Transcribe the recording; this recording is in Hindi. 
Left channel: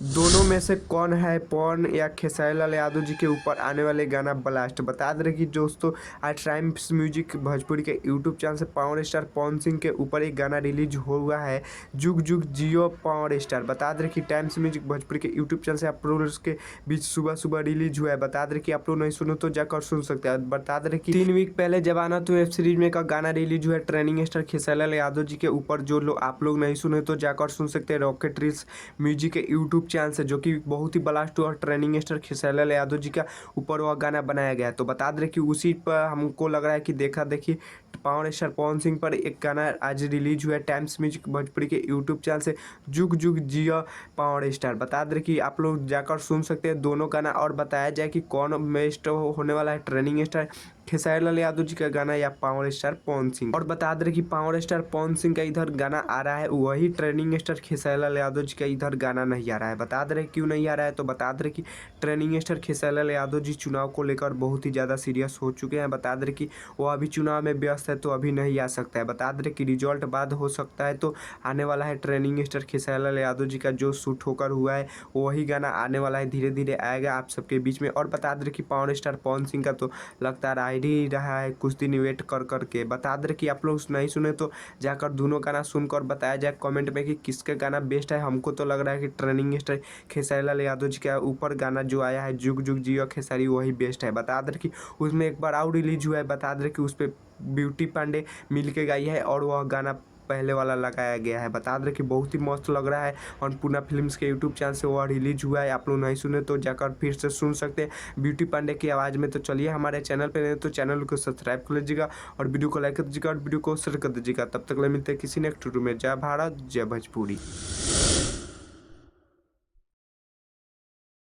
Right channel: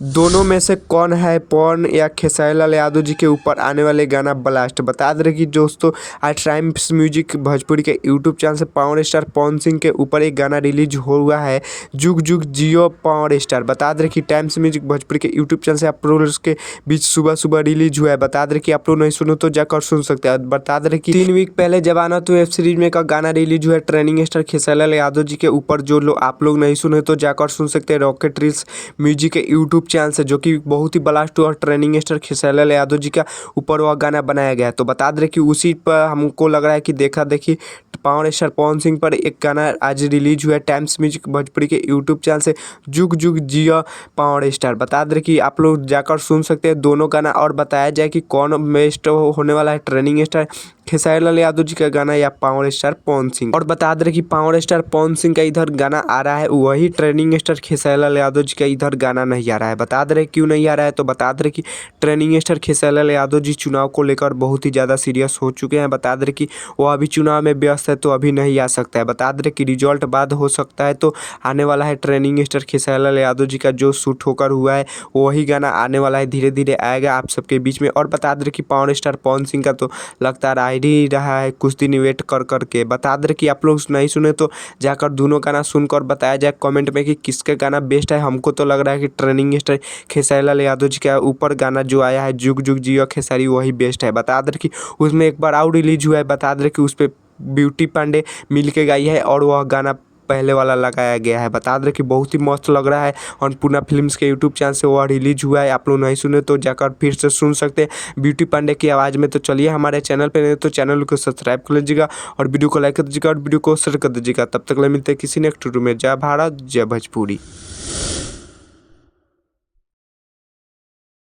दोनों में से कौन है पवन या खेसारी लाल यादव जी के ऊपर आने वाले गाना ब्लास्ट। बता दे रहे कि दोस्तों आज टाइम्स म्यूजिक भोजपुरी के यूट्यूब चैनल से पावर स्टार पवन सिंह के ऊपर एक गाना रिलीज हुआ है, जुग जुग जियो पावर स्टार। बता दे रहे कि टाइम्स म्यूजिक भोजपुरी के यूट्यूब चैनल से आप लोग के बीच सुबह सुबह रिलीज हुआ है। बता दे रहे कि आप लोग नहीं सुनो तो जाकर सुन सकते हैं। बता दे रहे कि 3 वीक पहले जवाना तो वेब सीरीज में का गाना रिलीज हुआ है ट्रेनिंग स्टार खेसारी लाल यादव जी के ऊपर, जो लोग आप लोग नहीं सुने तो जाकर सुन सकते हैं रॉकेट रील्स म्यूजिक के यूट्यूब चैनल से, जो कि बहुत ही ब्लास्ट हुआ। ट्रेनिंग स्टार खेसारी लाल यादव जी का ऊपर वह गाना बनाया गया है। तो बता दे कि उसी पर हमको लग रहा है कि देखा देखी पावर स्टार पवन सिंह पर एक गाना आज रिलीज हुआ है टाइम्स म्यूजिक भोजपुरी के यूट्यूब चैनल से, जुग जुग जिया पावर स्टार। बता दे कि आप लोग जाकर सुन सकते हैं दोनों गाना, और बताया जाए कि कौन बेस्ट होने वाला है, ट्रेनिंग स्टार खेसारी लाल यादव जी का गाना या पावर स्टार पवन सिंह। और बता दे कि पावर स्टार पवन सिंह का इधर गाना आ रहा है, वही ट्रेनिंग स्टार खेसारी लाल यादव जी का इधर गाना नहीं आ रहा है। बता दे क्यों नहीं आ रहा है, तो बता दे कि ट्रेनिंग स्टार खेसारी लाल यादव जी चुनाव को लेकर बहुत ही ज़्यादा सीरियस हो चुके हैं। बता दे कि वो अभी चुनाव में व्यस्त है तो अभी नहीं आ सकता है। बता दे कि रिजल्ट बाद हो सकता है, तो आने वाला है ट्रेनिंग स्टार खेसारी लाल यादव जी का जो शूट होकर हुआ है वही गाना आने वाला है, धीरे धीरे आएगा आप सबके बीच में। और बता दे कि पावर स्टार पवन सिंह का तो लगता ही रहा है कुछ दिन वेट कर करके। बता दे कि आप लोग नहीं सुने तो जाकर दोनों गाना सुनकर बताया जाए कमेंट में कि किसका गाना बेस्ट है। हमको तो लग रहा है कि ट्रेनिंग स्टार खेसारी लाल यादव जी का ऊपर गाना जो आया है जुग जुग जियो खेसारी वही बेस्ट है। बता दे कि उसमें एक बार आउट रिलीज हुआ है, बता दे कि उस पर ब्यूटी पांडे मिल के गाई है और वह गाना पहले वाला लगाया गया है। बता दे कि बहुत ही मस्त लग रहा है। अन्नपूर्णा फिल्म्स के यूट्यूब चैनल से वह रिलीज हुआ है, आप लोग नहीं सुने तो जाकर फिर से सुन सकते हैं ब्यूटी पांडे की आवाज़ में। तो चलिए हमारे चैनल पे नहीं तो चैनल को सब्सक्राइब कर लीजिएगा और वीडियो को लाइक कर दीजिएगा और वीडियो को शेयर कर दीजिएगा। तब तक ले मिलते हैं किसी नेक्स्ट वीडियो में। जय भारत जय भोजपुरी।